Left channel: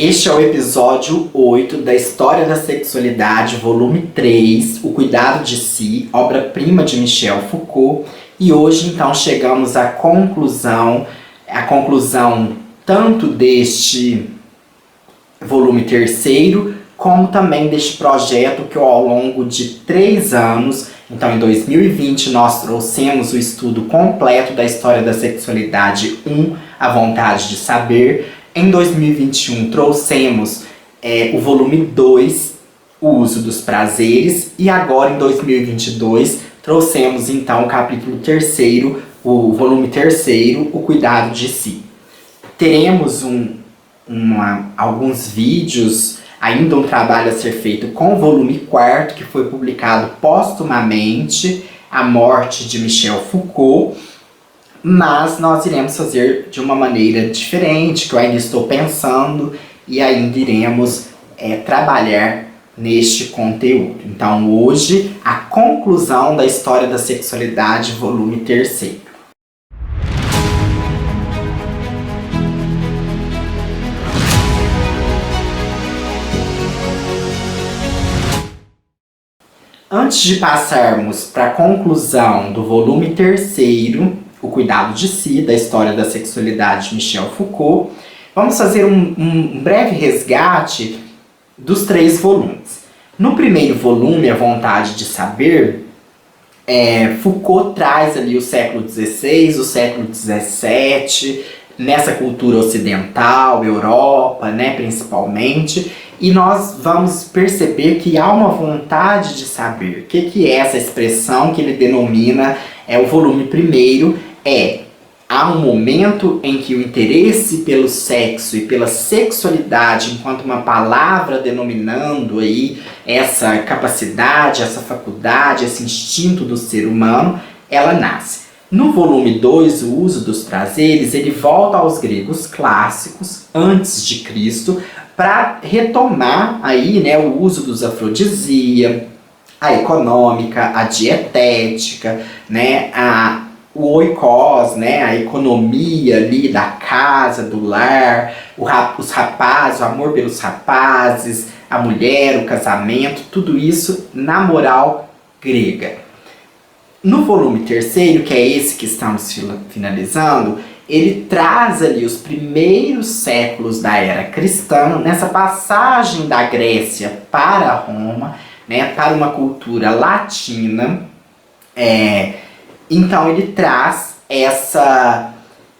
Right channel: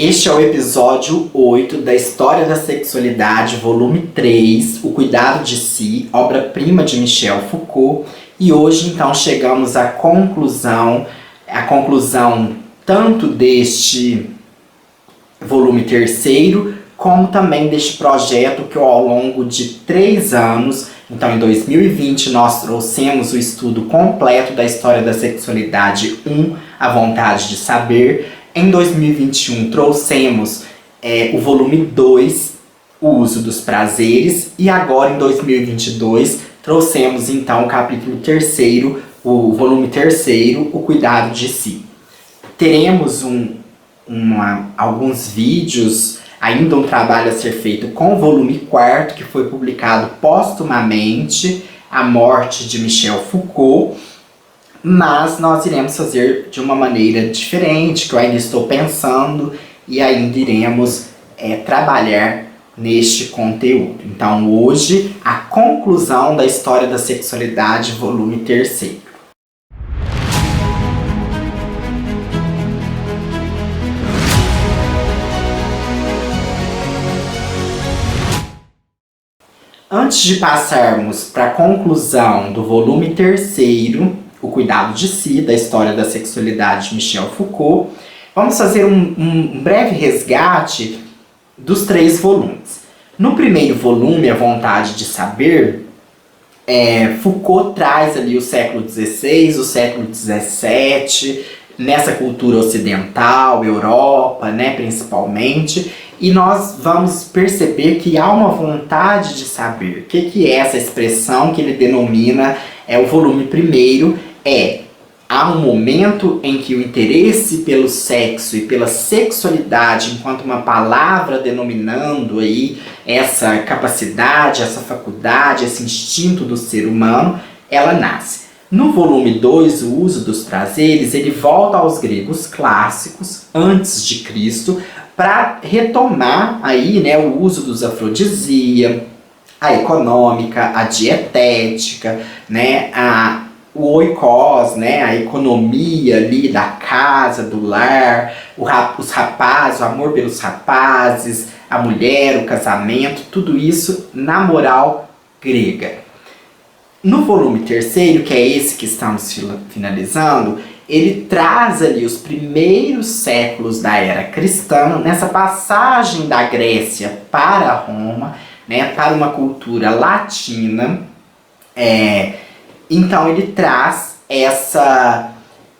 Este é o episódio 8 da História da Sexualidade, volume 3, O Cuidado de Si, obra-prima de Michel Foucault. E hoje, então, chegamos à conclusão tanto deste volume terceiro, como também deste projeto que ao longo de 3 anos, então em 2020, nós trouxemos o estudo completo da História da Sexualidade 1, A Vontade de Saber. Em 2021 trouxemos o volume 2, O Uso dos Prazeres, e agora em 2022 trouxemos então o capítulo 3º, o volume 3º, O Cuidado de Si. Teremos alguns vídeos, ainda um trabalho a ser feito com o volume 4º, que foi publicado póstumamente, A Morte de Michel Foucault. Mas nós iremos fazer de uma maneira diferente, que eu ainda estou pensando, e ainda iremos trabalhar neste conteúdo. Então hoje, a conclusão da História da Sexualidade, volume 3º. Antes de passarmos para a conclusão do volume 3º, O Cuidado de Si, da História da Sexualidade de Michel Foucault, vamos fazer um breve resgate dos 3 volumes. No primeiro volume, A Vontade de Saber, Foucault traz ali o século XVI, o século XVII, nessa cultura ocidental, Europa, principalmente, e nós vamos perceber que há uma vontade de saber. O que é essa expressão que ele denomina o volume primeiro? Há um momento em que o interesse pelo sexo e pela sexualidade, enquanto uma palavra denominando aí essa capacidade, essa faculdade, esse instinto do ser humano, ela nasce. No volume 2, O Uso dos Prazeres, ele volta aos gregos clássicos, antes de Cristo, para retomar aí, o uso dos afrodisíacos, a econômica, a dietética, o oikos, a economia ali da casa, do lar, os rapazes, o amor pelos rapazes, a mulher, o casamento, tudo isso na moral grega. No volume 3º, que é esse que estamos finalizando, ele traz ali os primeiros séculos da era cristã, nessa passagem da Grécia para Roma, para uma cultura latina. Então ele traz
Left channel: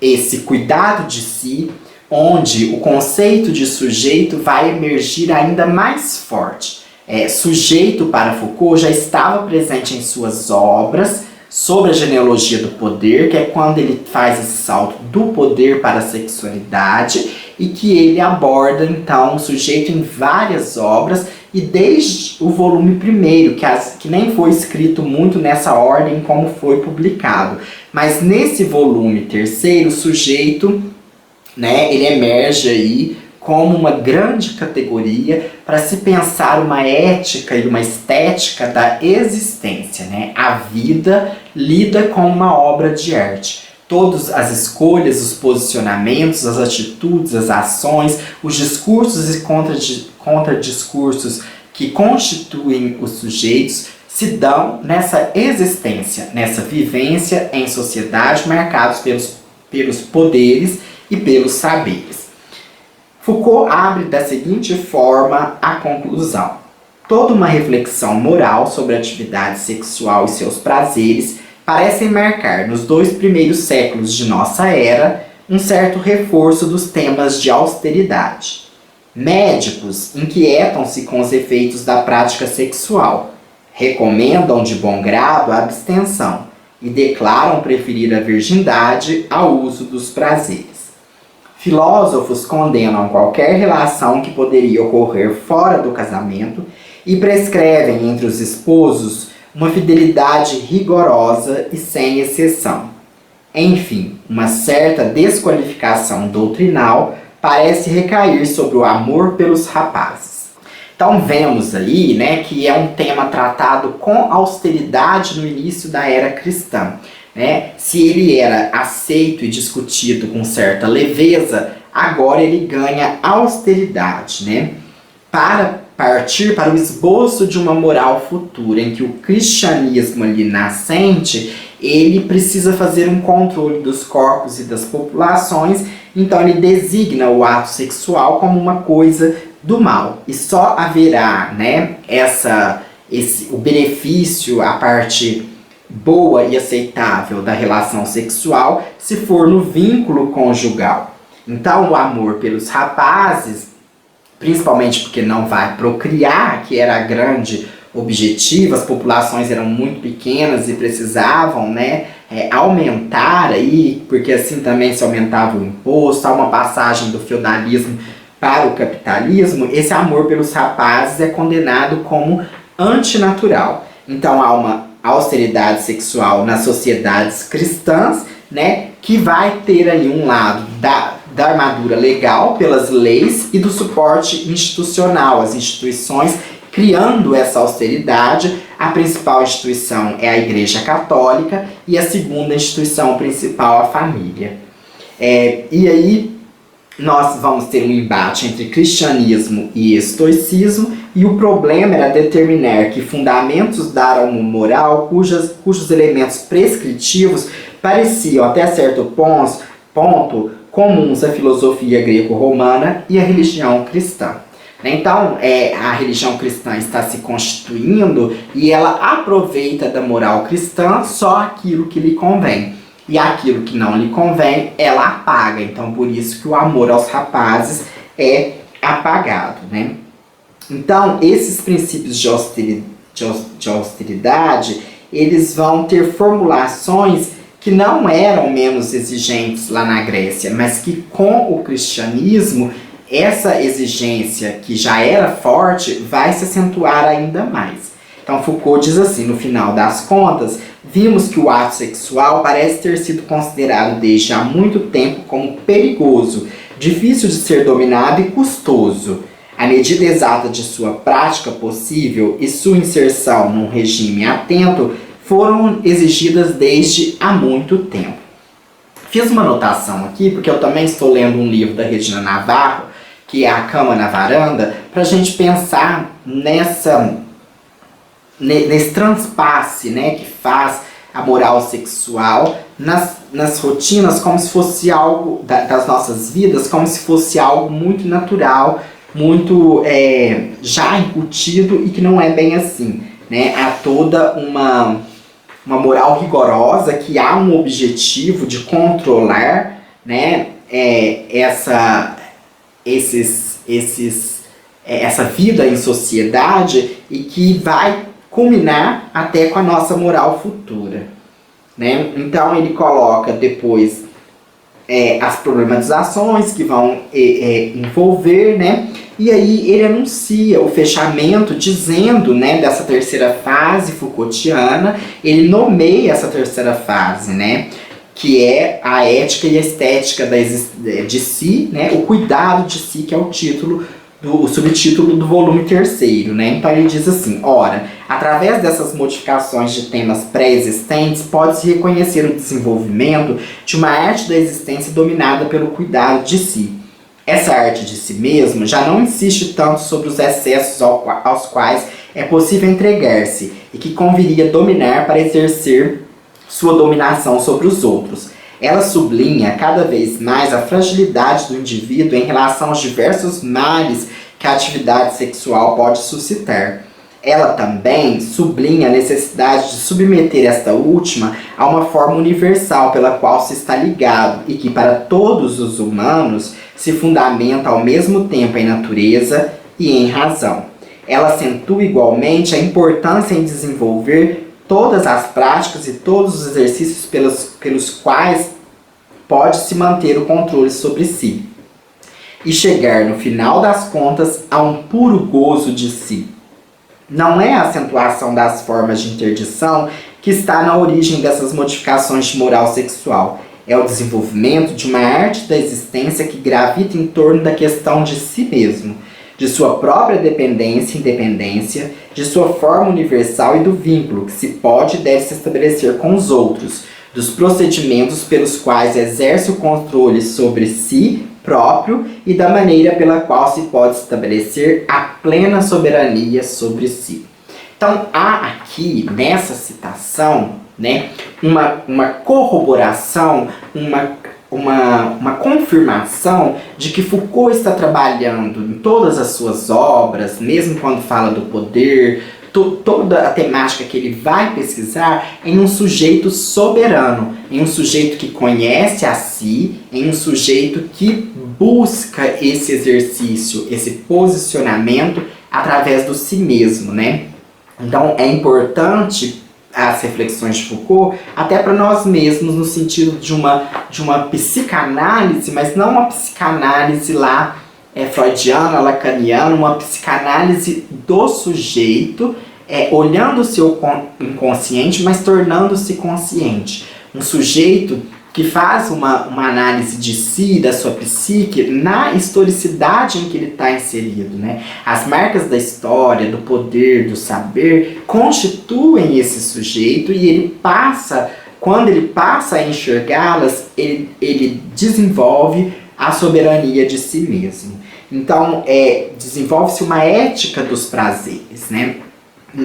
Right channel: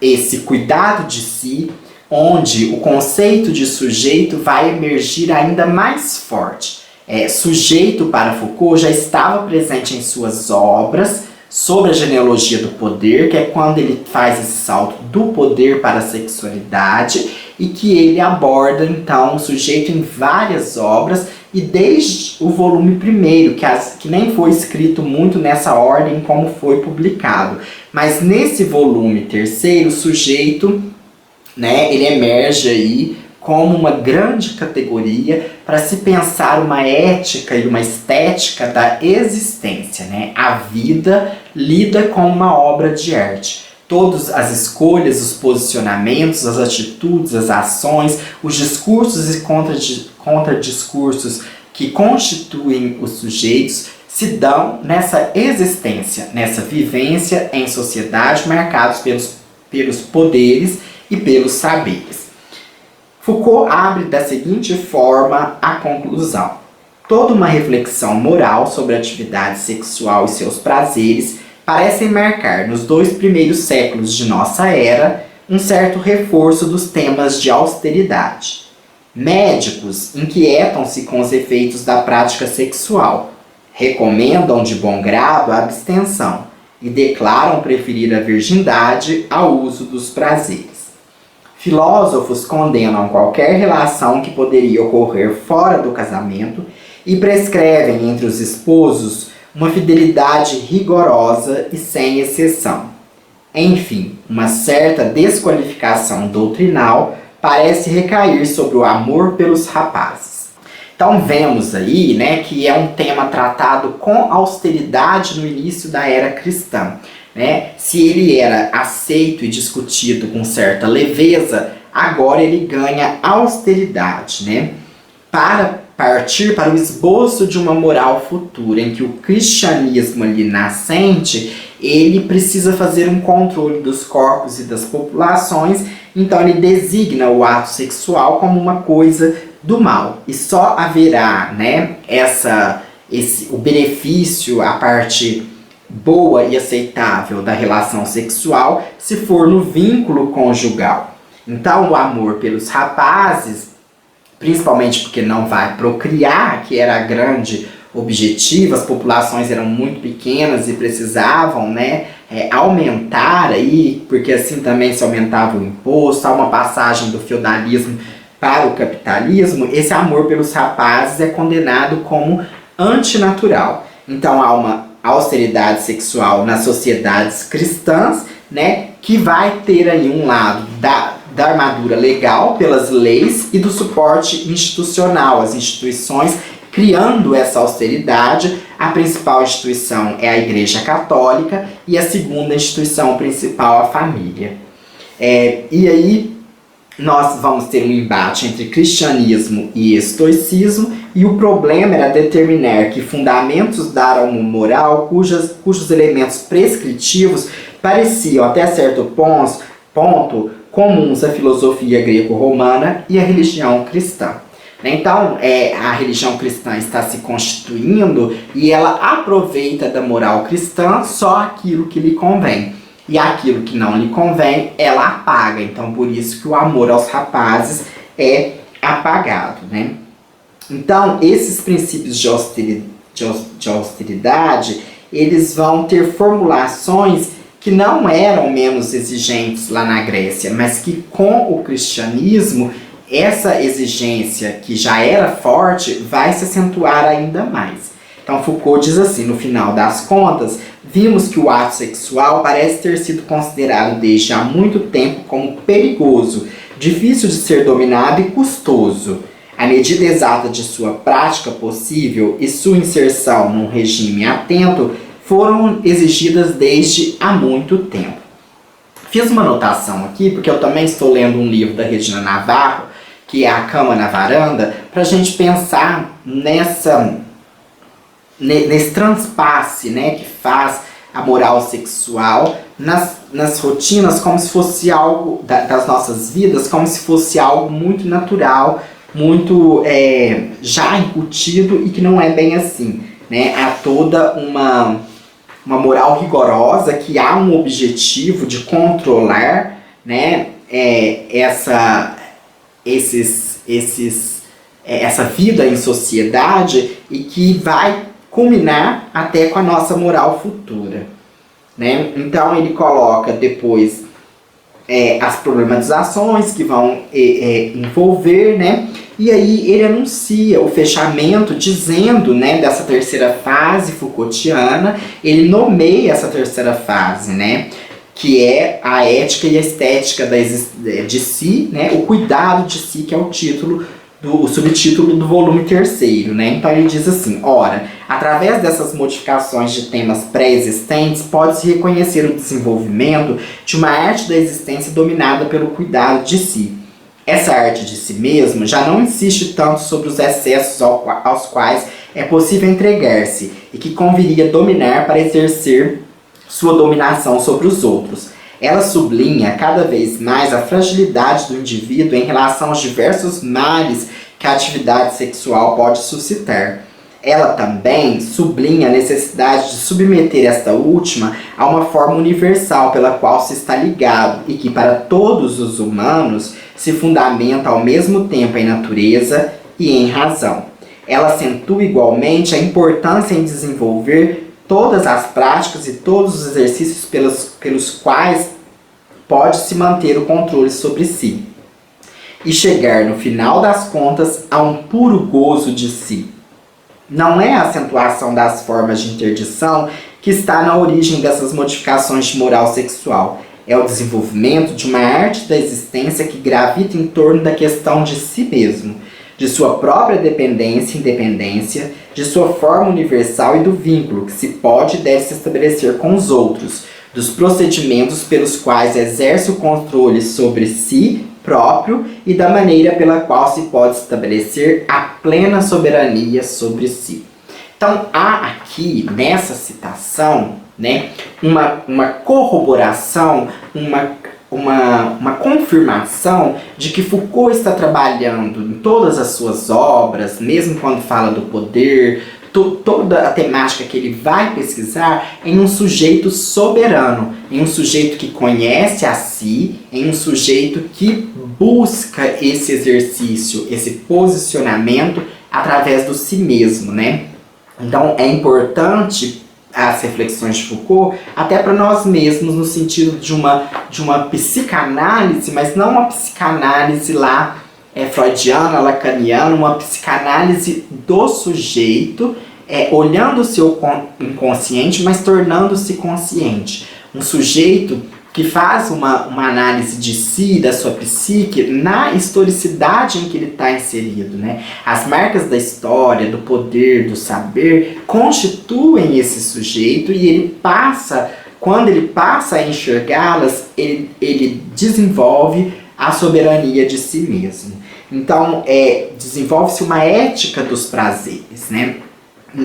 esse cuidado de si, onde o conceito de sujeito vai emergir ainda mais forte. Sujeito para Foucault já estava presente em suas obras sobre a genealogia do poder, que é quando ele faz esse salto do poder para a sexualidade, e que ele aborda então o sujeito em várias obras, e desde o volume 1º, que nem foi escrito muito nessa ordem como foi publicado, mas nesse volume 3º, o sujeito, ele emerge aí como uma grande categoria para se pensar uma ética e uma estética da existência. A vida lida com uma obra de arte. Todas as escolhas, os posicionamentos, as atitudes, as ações, os discursos e contradiscursos que constituem os sujeitos se dão nessa existência, nessa vivência em sociedade, marcados pelos poderes e pelos saberes. Foucault abre da seguinte forma a conclusão: toda uma reflexão moral sobre a atividade sexual e seus prazeres parecem marcar, nos 2 primeiros séculos de nossa era, um certo reforço dos temas de austeridade. Médicos inquietam-se com os efeitos da prática sexual, recomendam de bom grado a abstenção e declaram preferir a virgindade ao uso dos prazeres. Filósofos condenam qualquer relação que poderia ocorrer fora do casamento e prescrevem entre os esposos uma fidelidade rigorosa e sem exceção. Enfim, uma certa desqualificação doutrinal parece recair sobre o amor pelos rapazes. Então vemos aí, que é um tema tratado com austeridade no início da era cristã. Se ele era aceito e discutido com certa leveza, agora ele ganha austeridade, né? Para partir para o esboço de uma moral futura, em que o cristianismo ali nascente, ele precisa fazer um controle dos corpos e das populações, então ele designa o ato sexual como uma coisa do mal. E só haverá, né, o benefício, a parte boa e aceitável da relação sexual, se for no vínculo conjugal. Então o amor pelos rapazes, principalmente porque não vai procriar, que era a grande objetivo, as populações eram muito pequenas e precisavam, né, aumentar aí, porque assim também se aumentava o imposto, há uma passagem do feudalismo para o capitalismo, esse amor pelos rapazes é condenado como antinatural. Então há uma austeridade sexual nas sociedades cristãs, né, que vai ter aí um lado da armadura legal pelas leis e do suporte institucional, as instituições criando essa austeridade. A principal instituição é a Igreja Católica e a segunda instituição principal a família. E aí nós vamos ter um embate entre cristianismo e estoicismo, e o problema era determinar que fundamentos dar uma moral cujos elementos prescritivos pareciam até certo ponto comuns à filosofia greco-romana e à religião cristã. Então, a religião cristã está se constituindo e ela aproveita da moral cristã só aquilo que lhe convém. E aquilo que não lhe convém, ela apaga. Então, por isso que o amor aos rapazes é apagado, né? Então, esses princípios de austeridade, eles vão ter formulações que não eram menos exigentes lá na Grécia, mas que com o cristianismo, essa exigência que já era forte vai se acentuar ainda mais. Então Foucault diz assim, no final das contas, vimos que o ato sexual parece ter sido considerado desde há muito tempo como perigoso, difícil de ser dominado e custoso. A medida exata de sua prática possível e sua inserção num regime atento foram exigidas desde há muito tempo. Fiz uma anotação aqui, porque eu também estou lendo um livro da Regina Navarro, que é A Cama na Varanda, para a gente pensar nesse transpasse, né, que faz a moral sexual nas rotinas, como se fosse algo das nossas vidas, como se fosse algo muito natural, muito já incutido, e que não é bem assim, né? Há toda uma moral rigorosa, que há um objetivo de controlar, né, essa vida em sociedade, e que vai culminar até com a nossa moral futura, né? Então ele coloca depois as problematizações que vão envolver, né? E aí ele anuncia o fechamento, dizendo, né, dessa terceira fase Foucaultiana, ele nomeia essa terceira fase, né, que é a ética e a estética de si, né, o cuidado de si, que é o subtítulo do volume 3º, né? Então ele diz assim: ora, através dessas modificações de temas pré-existentes, pode-se reconhecer o desenvolvimento de uma arte da existência dominada pelo cuidado de si. Essa arte de si mesmo já não insiste tanto sobre os excessos aos quais é possível entregar-se e que conviria dominar para exercer sua dominação sobre os outros. Ela sublinha cada vez mais a fragilidade do indivíduo em relação aos diversos males que a atividade sexual pode suscitar. Ela também sublinha a necessidade de submeter esta última a uma forma universal pela qual se está ligado e que, para todos os humanos, se fundamenta ao mesmo tempo em natureza e em razão. Ela acentua igualmente a importância em desenvolver todas as práticas e todos os exercícios pelos quais pode-se manter o controle sobre si e chegar, no final das contas, a um puro gozo de si. Não é a acentuação das formas de interdição que está na origem dessas modificações de moral sexual. É o desenvolvimento de uma arte da existência que gravita em torno da questão de si mesmo, de sua própria dependência e independência, de sua forma universal e do vínculo que se pode e deve se estabelecer com os outros, dos procedimentos pelos quais exerce o controle sobre si próprio e da maneira pela qual se pode estabelecer a plena soberania sobre si. Então, há aqui, nessa citação, né, uma corroboração, uma confirmação de que Foucault está trabalhando em todas as suas obras, mesmo quando fala do poder, toda a temática que ele vai pesquisar, em um sujeito soberano, em um sujeito que conhece a si, em um sujeito que busca esse exercício, esse posicionamento através do si mesmo, né? Então é importante as reflexões de Foucault até para nós mesmos, no sentido de uma psicanálise, mas não uma psicanálise lá freudiana, lacaniana, uma psicanálise do sujeito, olhando o seu inconsciente, mas tornando-se consciente. Um sujeito que faz uma análise de si, da sua psique, na historicidade em que ele está inserido, né? As marcas da história, do poder, do saber, constituem esse sujeito e ele passa, quando ele passa a enxergá-las, ele desenvolve a soberania de si mesmo. Então, desenvolve-se uma ética dos prazeres, né?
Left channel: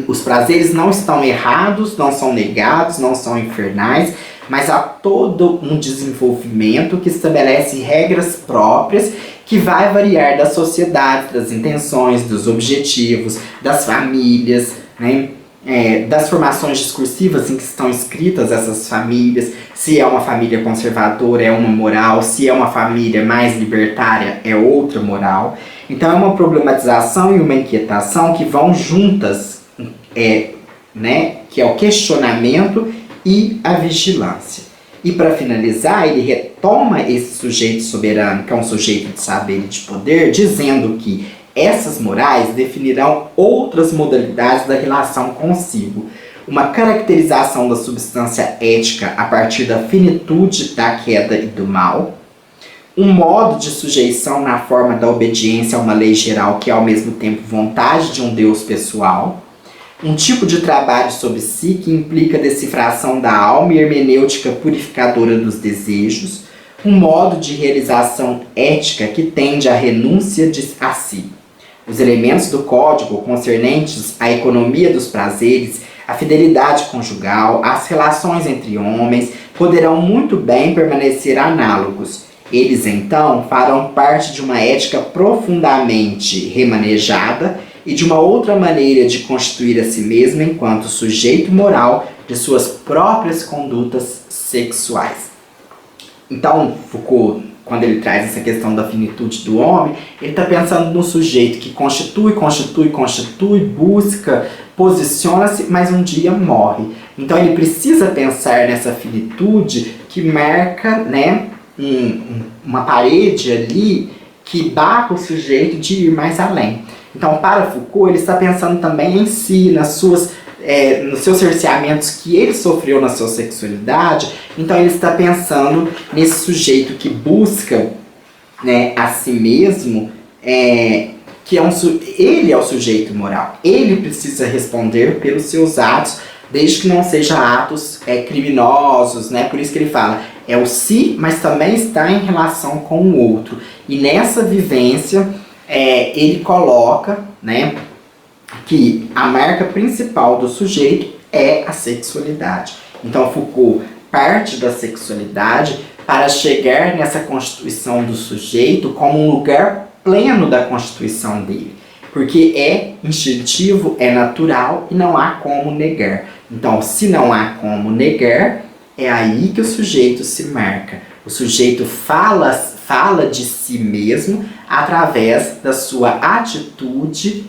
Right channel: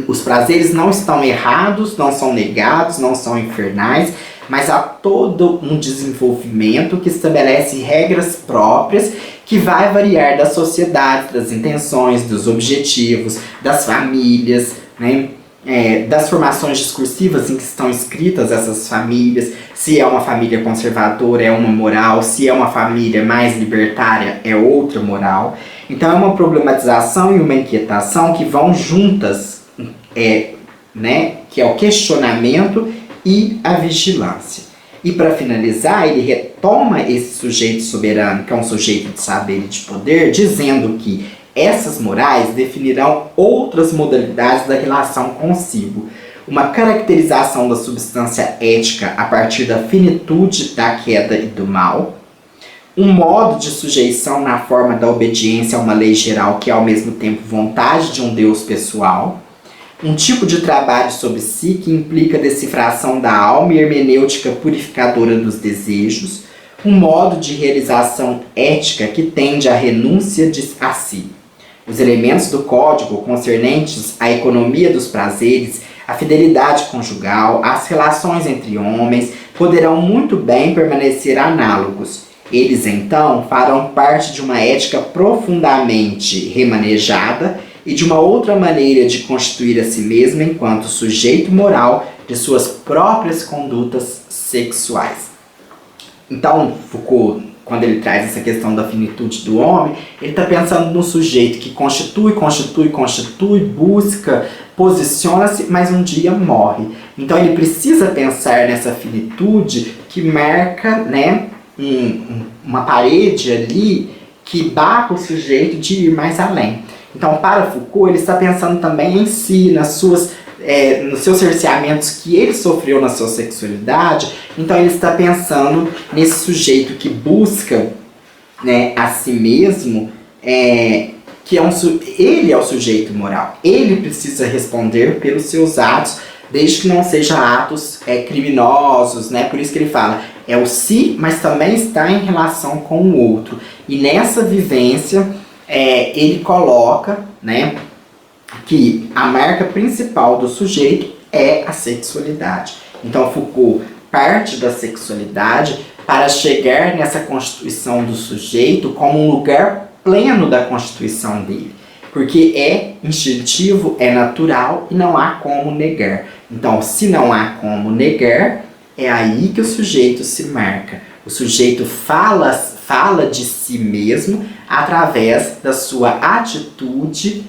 Os prazeres não estão errados, não são negados, não são infernais, mas há todo um desenvolvimento que estabelece regras próprias que vai variar da sociedade, das intenções, dos objetivos, das famílias, né? Das formações discursivas em que estão escritas essas famílias, se é uma família conservadora é uma moral, se é uma família mais libertária é outra moral. Então é uma problematização e uma inquietação que vão juntas, né? Que é o questionamento e a vigilância. E para finalizar, ele retoma esse sujeito soberano, que é um sujeito de saber e de poder, dizendo que essas morais definirão outras modalidades da relação consigo. Uma caracterização da substância ética a partir da finitude da queda e do mal. Um modo de sujeição na forma da obediência a uma lei geral que é ao mesmo tempo vontade de um Deus pessoal. Um tipo de trabalho sobre si que implica decifração da alma e hermenêutica purificadora dos desejos. Um modo de realização ética que tende à renúncia a si. Os elementos do código concernentes à economia dos prazeres, à fidelidade conjugal, às relações entre homens, poderão muito bem permanecer análogos. Eles, então, farão parte de uma ética profundamente remanejada e de uma outra maneira de constituir a si mesmo enquanto sujeito moral de suas próprias condutas sexuais. Então, Foucault, quando ele traz essa questão da finitude do homem, ele está pensando no sujeito que constitui, busca, posiciona-se, mas um dia morre. Então ele precisa pensar nessa finitude que marca, né, uma parede ali que barra o sujeito de ir mais além. Então, para Foucault, ele está pensando também em si, nos seus cerceamentos que ele sofreu na sua sexualidade. Então ele está pensando nesse sujeito que busca, né, a si mesmo, que ele é o sujeito moral. Ele precisa responder pelos seus atos, desde que não sejam atos criminosos, né? Por isso que ele fala, é o si, mas também está em relação com o outro. E nessa vivência, ele coloca, né, que a marca principal do sujeito é a sexualidade. Então Foucault parte da sexualidade para chegar nessa constituição do sujeito como um lugar pleno da constituição dele. Porque é instintivo, é natural e não há como negar. Então, se não há como negar, é aí que o sujeito se marca. O sujeito fala de si mesmo através da sua atitude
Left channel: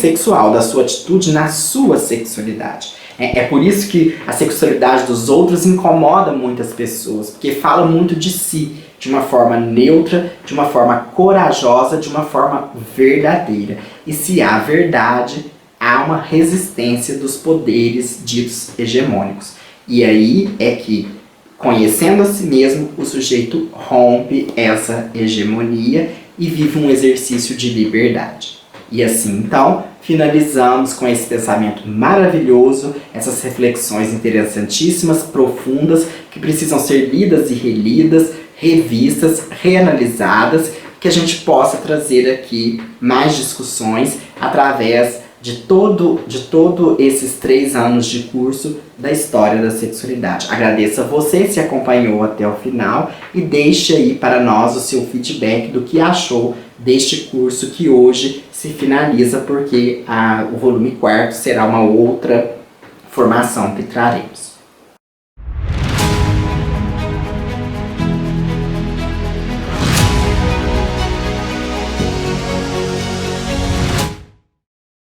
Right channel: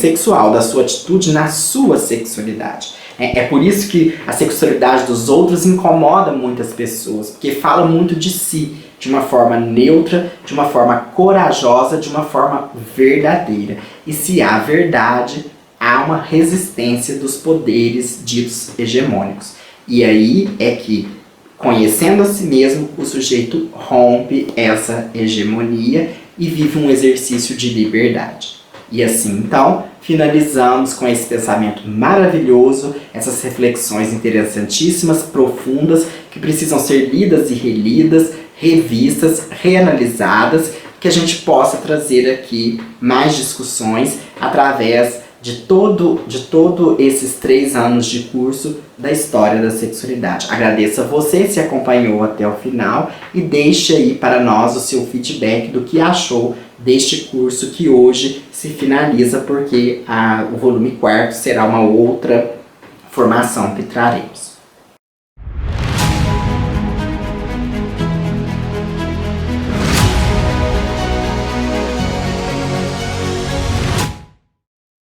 sexual, da sua atitude na sua sexualidade. É por isso que a sexualidade dos outros incomoda muitas pessoas, porque fala muito de si, de uma forma neutra, de uma forma corajosa, de uma forma verdadeira. E se há verdade, há uma resistência dos poderes ditos hegemônicos. E aí é que, conhecendo a si mesmo, o sujeito rompe essa hegemonia e vive um exercício de liberdade. E assim, então, finalizamos com esse pensamento maravilhoso, essas reflexões interessantíssimas, profundas, que precisam ser lidas e relidas, revistas, reanalisadas, que a gente possa trazer aqui mais discussões através de todo esses 3 anos de curso da história da sexualidade. Agradeço a você se acompanhou até o final e deixe aí para nós o seu feedback do que achou deste curso que hoje se finaliza, porque o volume 4º será uma outra formação que traremos.